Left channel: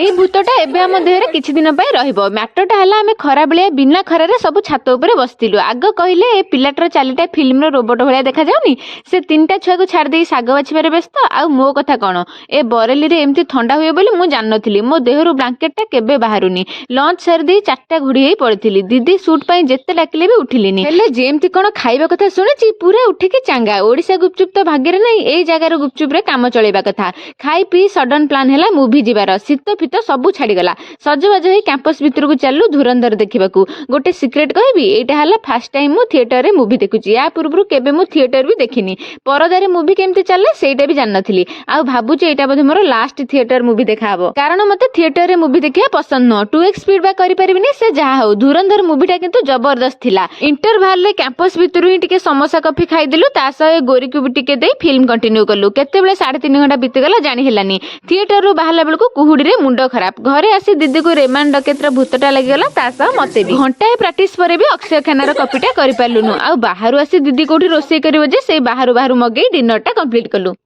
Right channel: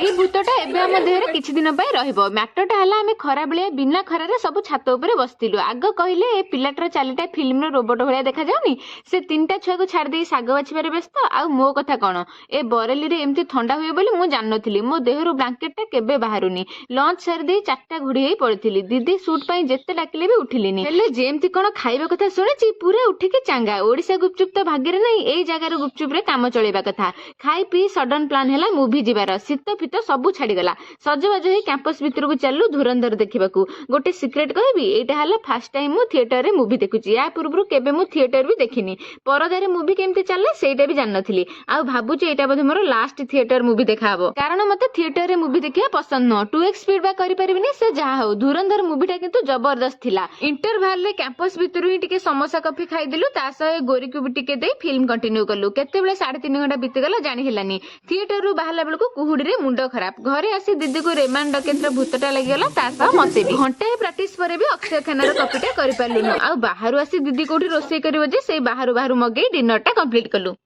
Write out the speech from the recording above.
ସେଇ ଭୂତଟା ଏବେ ଆମ ଦେହରେ କିଛି ଦିନ ପାଇଁ ରହିବ। ମ୍ୟାଟରଟା ହେଲା ଆମେ ଖରାବେଳିଆ ବିନା ଖରାରେ ସବୁ ଛାତ ଉପରେ ବସିଥିଲୁ। ଆଗ କହିଲେ ଏ ପିଲାଟାର ଚାଲିଟା ଫିଲ୍ମର ରୋବଟ ଭଳିଆ ଦେଖାଯାଉନି, ସେ ତିନିଟା ଛୁଆକୁ ଛାଡ଼ି ଦେଇ ଶାଗ ବାଛିବାରେ ବ୍ୟସ୍ତ। ଆଉ ମୋ କଥା କ'ଣ, ଏ ବରେଲିରେ ଏମିତି ଥଣ୍ଡା ହୁଏ ବୋଲି ମୁଁ ଜାଣିନଥିଲି। ମୋ ଦେହରୁ ବ୍ଲାଙ୍କେଟଟା କେବେ ବାହାରୁନି। ଲଞ୍ଚ ସାରି ଦେଇ 4ଟା ଘୋଡ଼ି ହେଇ ପଡ଼ିଥିଲି। ଦିଦି ସୁଟ୍ ପାଇଁ ଯେତେ ଡାକିଲେ ବି ଉଠିଲିନି। ହେଲେ ଯେମିତି କ'ଣ ଖାଇବା କଥା ଶୁଣିଛି ପୁରା ଉଠିକି ଚାଙ୍ଗା। ଓଡ଼ିଶା ଗୁପଚୁପ୍ ତ ଭାଗ୍ୟରେ ନାହିଁ, ଏଇ ଜାଗାର ଗୁପଚୁପରେ କାମ ଚଳେଇବା କଥା। ଖାଇ ପିଇ ସଡନ୍ ପ୍ଲାନ୍ ହେଲା ମୁଭି ଯିବାର। ଶୀତ ଫିତ ସବୁ ଛାଡ଼ିଗଲା। ସଜବାଜ ହେଇ କ୍ୟାମ୍ପସ ଭିତରକୁ ଚାଲିଲୁ ଧୁରନ୍ଧର ଦେଖିବାକୁ। ଗୋଟେ ସିକ୍ରେଟ୍ କହିବି, ଏଇଟା ହେଲା ଫାର୍ଷ୍ଟ ଟାଇମ୍ ମୁଁ ଥିଏଟରରେ ମୁଭି ଦେଖୁଛି। ୟା ପୂର୍ବରୁ କେବେ ମୁଁ ଥିଏଟର ବି ଦେଖିନି। ପରଦାରେ ମୁଭି କେମିତି ଚାଲେ ସେଇଟା ବି ଜାଣିନଥିଲି। ଆଉ ଭାବୁଛି ଏଇଟା ବୋଧେ ମୋର ଲାଷ୍ଟ ଥିଏଟର ମୁଭି ଦେଖା ହବ, କାରଣ ମତେ ଥିଏଟରରେ ମୁଭି ଦେଖିବା ପସନ୍ଦ ନୁହଁ। 2x ସ୍ପିଡ୍ ବା କରିପାରିବିନି। ସେ ଯାହା ହଉ, ଧୁରନ୍ଧର ମୁଭିଟା କିନ୍ତୁ ଜବରଦସ୍ତ ଥିଲା। ଇଣ୍ଟରଭାଲରେ କ୍ୟାମ୍ପସ ଭିତରୁ ହିଁ ଟିକେ ସମୋସା କଫି ଖାଇଦେଲୁ, ତା ସହ ଗୋରିକୁ ବି ଟିକେ ଦେଇ ଫିଲ୍ମ କଣ୍ଟିନ୍ୟୁ କଲୁ। କେତେବେଳେ 3.5 ଘଣ୍ଟା ବିତିଗଲା ଜାଣି ହେଲାନି। ଥିଏଟରରୁ ବାହାରିଲା ବେଳକୁ କୁହୁଡିରେ ମୁଣ୍ଡ ଖରାପ। ଘରେ ଆସି ଦିଦିକୁ ରେମାନ୍ ଡକେତର ଭୂତଟା ଲାଗିଗଲା, ତା ସହ ମତେ ବି। ଘଣ୍ଟାଏ ପ୍ରାକ୍ଟିସ ପରେ ବି ଅକ୍ଷୟ ଖାନାର କପିଟା କରିପାରିଲୁନୁ। ଆଉ ବାହାରୁ ଆସି ଦିଦି କୋଉଠି ରୋଷେଇ କରିବ ଯେ ସେଇ ବାହାରୁ ମଗେଇ ଡିନରଟା କମ୍ପ୍ଲିଟ୍ କଲୁ।